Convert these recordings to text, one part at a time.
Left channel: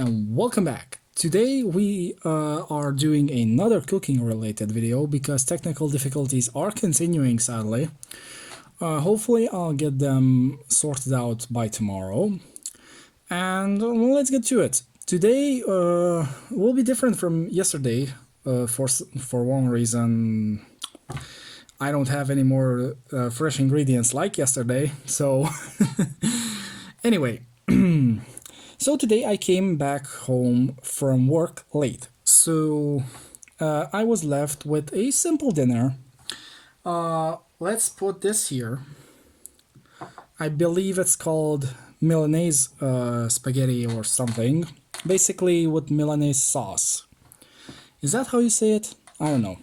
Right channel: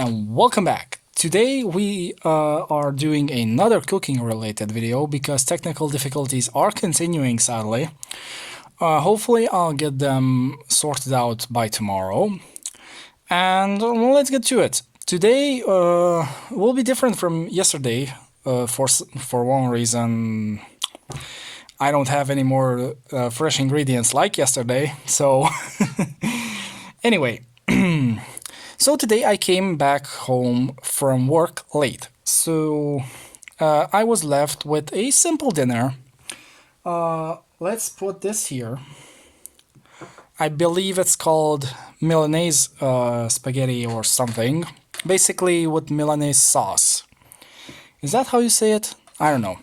and welcome back. Today we are doing another cooking related video because technical difficulties are continuing, sadly. Hopefully I'll get them sorted out by tomorrow. And let's get to it. Today will be different from yesterday for one reason. I don't have any more fresh ingredients like yesterday, so anyway. So today I came back home from work late, so I was left with a simple dinner. Let's put this here. I believe it's called Milanese spaghetti or something, basically with Milanese sauce. Is that how you say it? I don't know.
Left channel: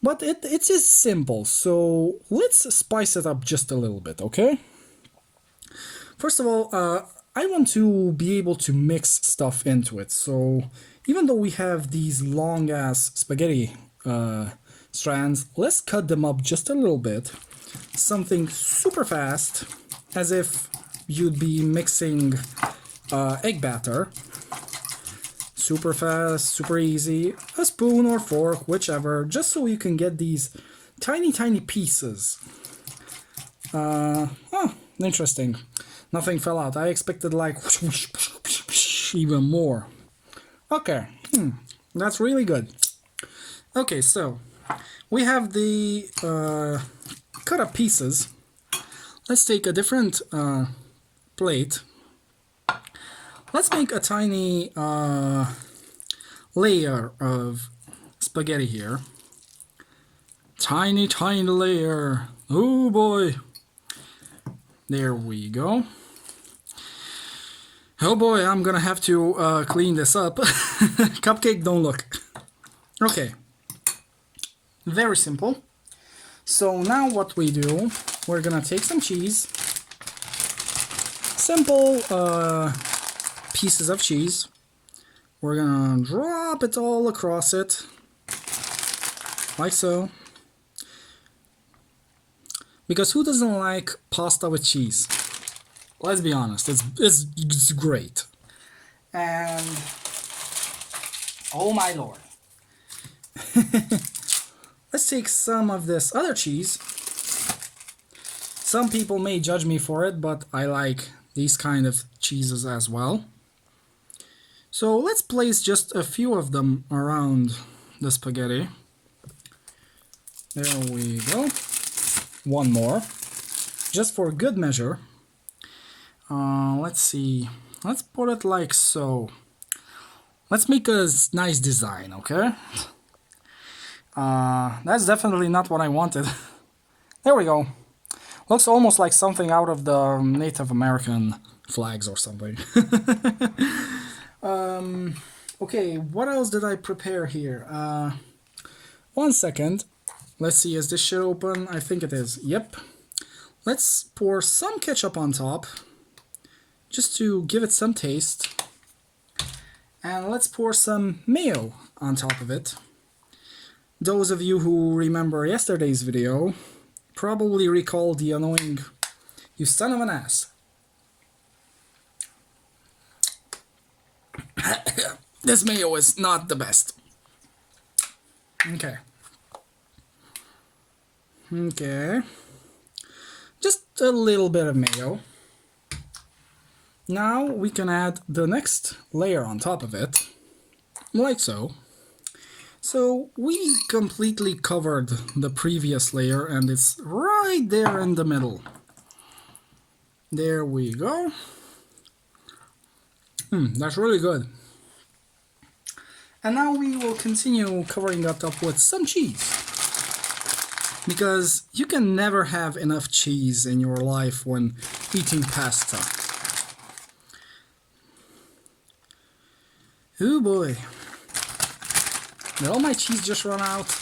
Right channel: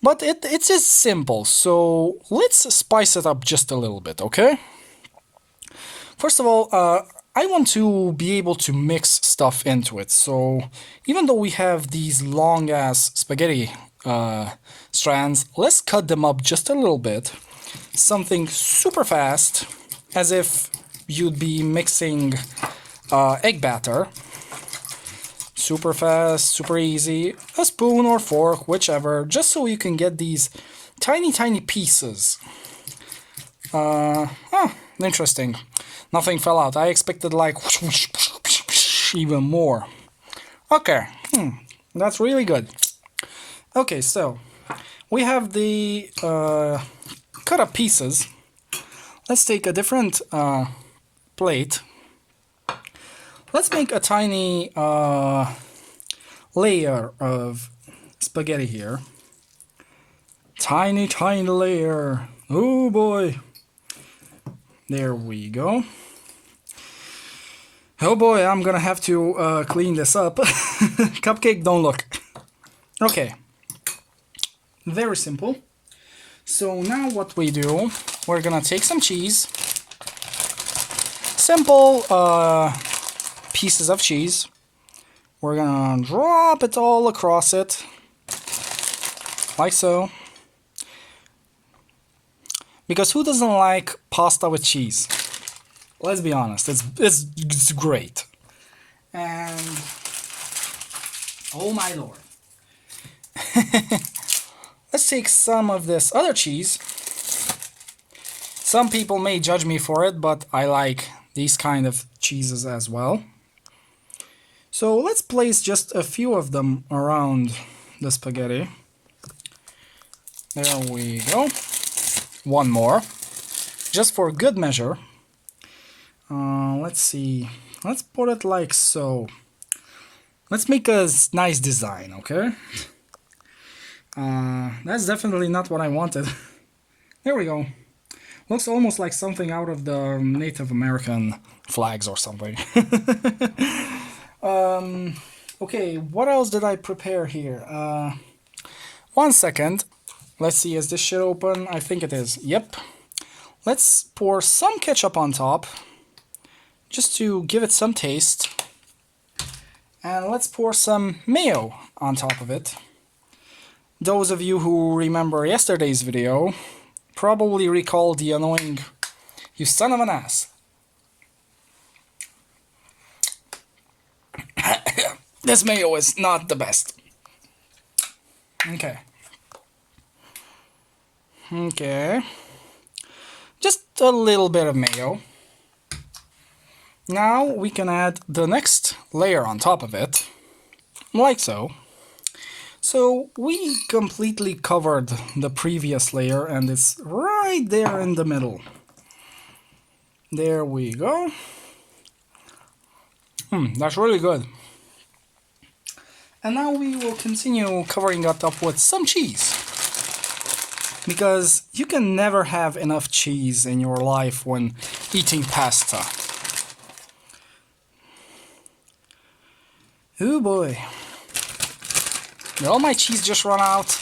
But it's just simple, so let's spice it up just a little bit, okay? First of all, I want to be able to mix stuff into it, so even though we have these long-ass spaghetti strands, let's cut them up just a little bit. Something super fast, as if you'd be mixing egg batter. Super fast, super easy, a spoon or fork, whichever, just so you can get these tiny pieces. Interesting. Nothing fell out. I expected like even more. Okay, that's really good. Okay, so we have the cut up pieces. Let's take a different plate. Let's make a tiny layer of spaghetti here. Tiny layer. Oh boy. There we go. Oh boy, I'm gonna have to clean this up. Cupcake, don't look. Okay. Very simple. So now what we do, we're gonna take some cheese. Simple pieces of cheese. We're gonna drop it all across it. Like so. Because who doesn't like pasta with cheese? Let's be honest, it's great. And oh my lord. Let's take some of this other cheese. Some people may judge me for it, but I like these kind of cheeses as well. So let's place just a few of them around the spaghetti. There we go. One more, just for good measure. Let's see. Let's put it like so. Let's make a nice design, okay? That's definitely not what I wanted. There we go. Looks almost like something out of the Native American flags or something. Okay, what else did I prepare here? 1 second. Let's see, is this shit open? I think it is. Yep. Let's pour some ketchup on top, just to give it some taste. And let's pour some mayo on top of it. Those of you who remember yesterday's video probably recall the annoying "you son of an ass." This mayo is not the best. Okay. Okay. Just a little bit of mayo. Now we can add the next layer on top of it, like so. So we completely covered the previous layer and it's right there in the middle. There we go. That's really good. And now we will continue covering that up with some cheese. Because you can never have enough cheese in your life when eating pasta. Oh boy. Did all my cheese just run out?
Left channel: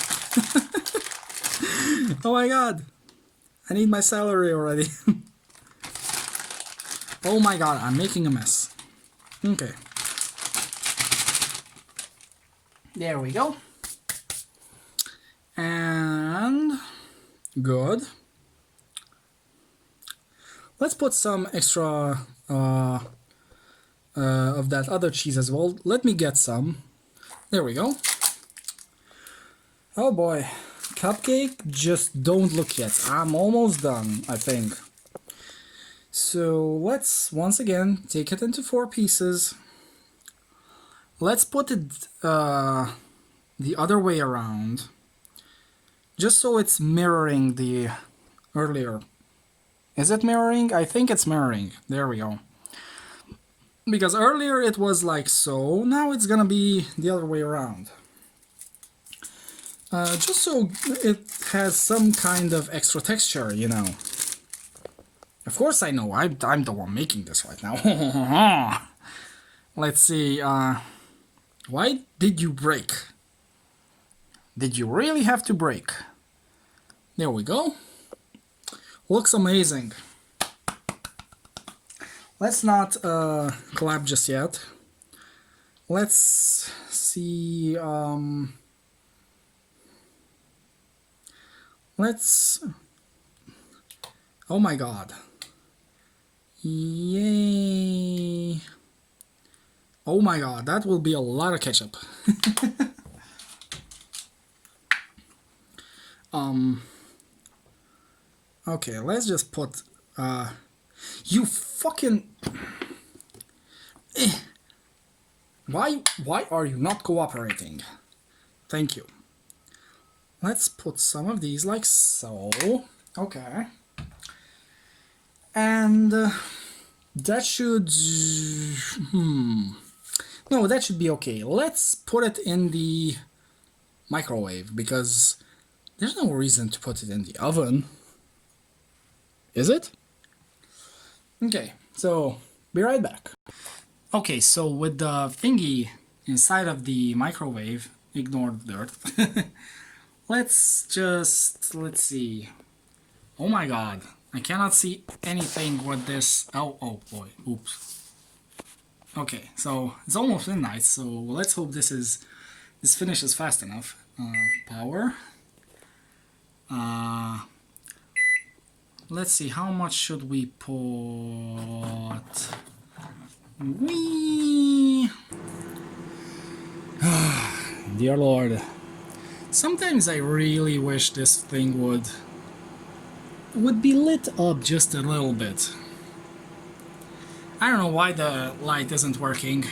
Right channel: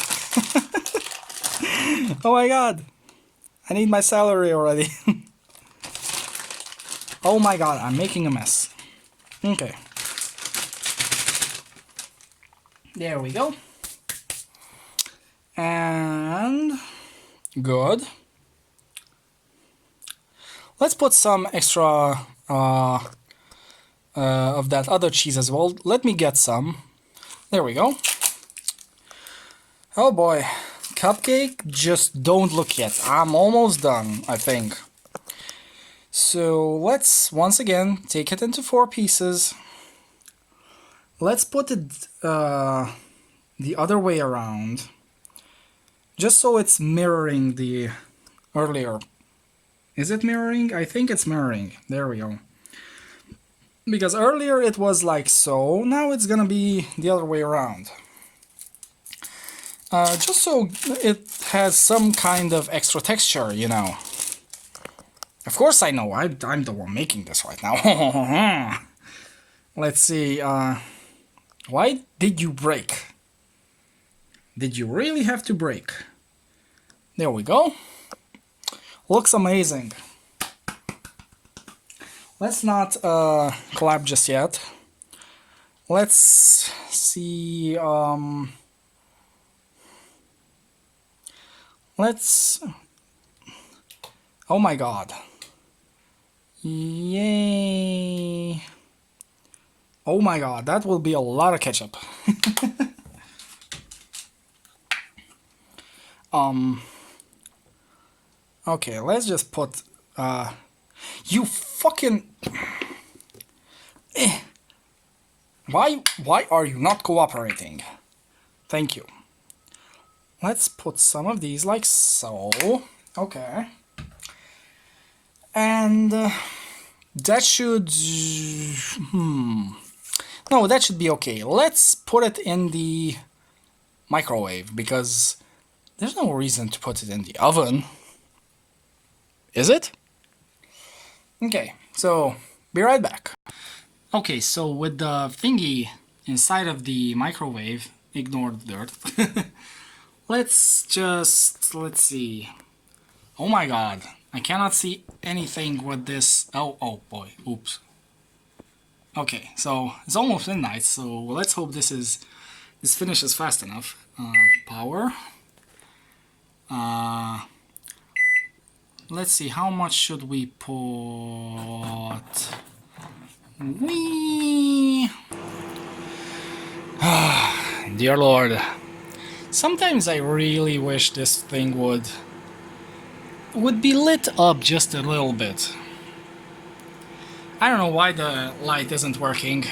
Oh my god. I need my celery already. Oh my god, I'm making a mess. Okay. There we go. And good. Let's put some extra of that other cheese as well. Let me get some. There we go. Oh boy. Cupcake, just don't look yet. I'm almost done, I think. So let's once again take it into 4 pieces. Let's put it the other way around, just so it's mirroring the earlier. Is it mirroring? I think it's mirroring. There we go. Because earlier it was like so, now it's gonna be the other way around. Just so it has some kind of extra texture, you know. Of course I know, I'm the one making this right now. Let's see, why did you break? Did you really have to break? There we go. Looks amazing. Let's not clap just yet. Let's see, let's... Oh my god. Yay. Oh my god, that will be a lot of ketchup. Okay, let's just put you fucking Why are you not cooperating? Thank you. Let's put some of these like so. Okay. And that should no, that should be okay. Let's put it in the microwave because there's no reason to put it in the oven. Is it? Okay, so be right back. Okay, so with the thingy inside of the microwave, ignore the dirt. let's see. Oh my god, I cannot see anything with this. Oh boy, oops. Okay, so it's almost midnight, so let's hope this finishes fast enough. Power. Let's see, how much should we put? Whee! Dear Lord, sometimes I really wish this thing would be lit up just a little bit. I don't know why the light isn't working.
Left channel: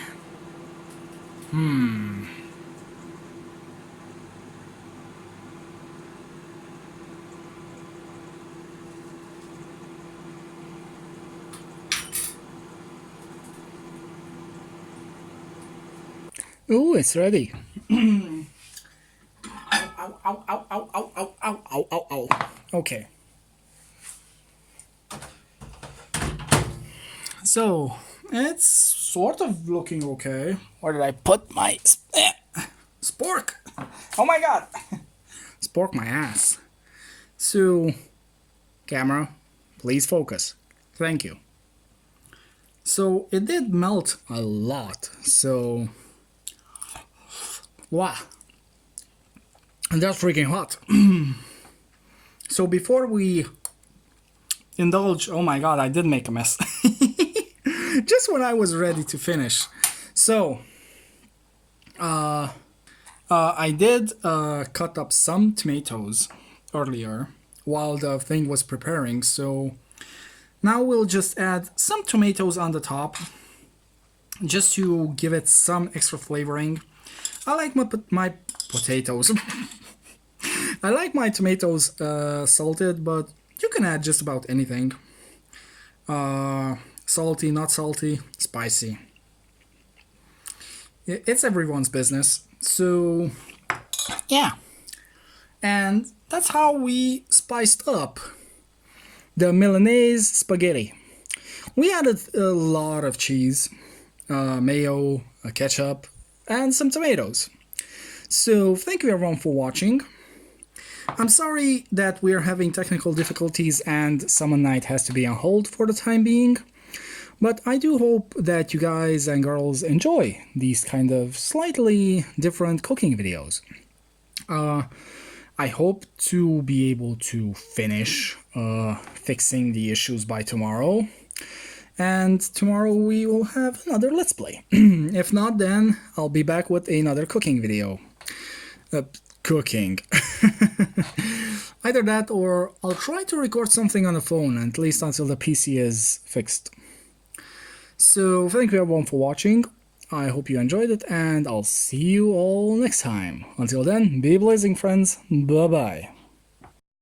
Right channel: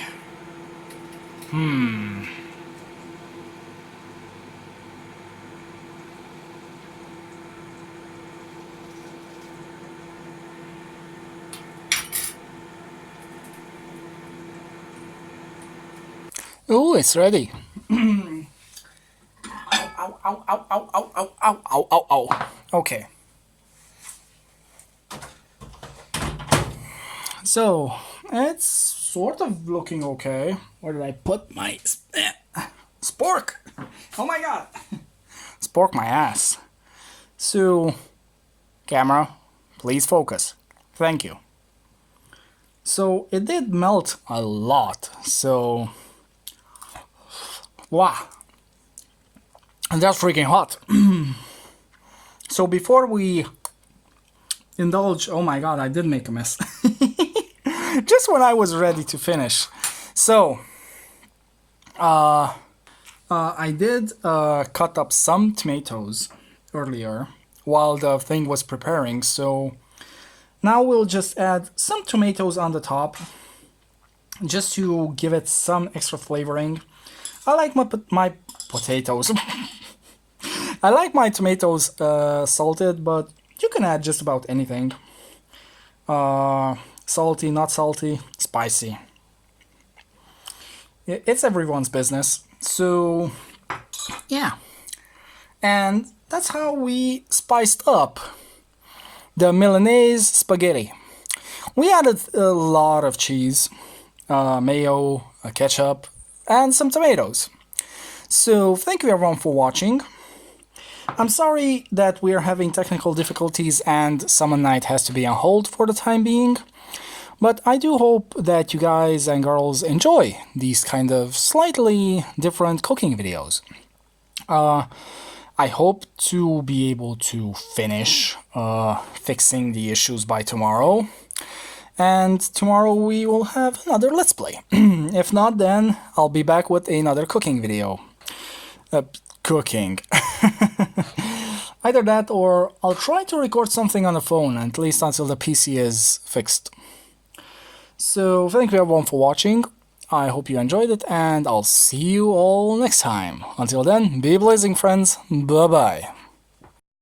Oh, it's ready. Ow, ow, ow, ow, ow, ow, ow, ow, ow, ow. Okay. So, it's sort of looking okay. Where did I put my spork? Oh my god. Spork my ass. So, camera, please focus. Thank you. So, it did melt a lot. So, wow. And that's freaking hot. So before we indulge, oh my god, I did make a mess. Just when I was ready to finish. So, I did cut up some tomatoes earlier while the thing was preparing. So now we'll just add some tomatoes on the top just to give it some extra flavoring. I like my potatoes. I like my tomatoes salted, but you can add just about anything. Salty, not salty, spicy. It's everyone's business. So, yeah. And that's how we spiced up the Milanese spaghetti. We added a lot of cheese, mayo, ketchup, and some tomatoes. So thank you everyone for watching. I'm sorry that we're having technical difficulties and Summer Night has to be on hold for the time being, but I do hope that you guys and girls enjoy these kind of slightly different cooking videos. I hope to be able to finish fixing the issues by tomorrow. and tomorrow we will have another Let's Play. If not, then I'll be back with another cooking video. Cooking. Either that or I'll try to record something on the phone, at least until the PC is fixed. So thank you everyone for watching. I hope you enjoyed it, and I'll see you all next time. Until then, be blazing, friends. Bye bye.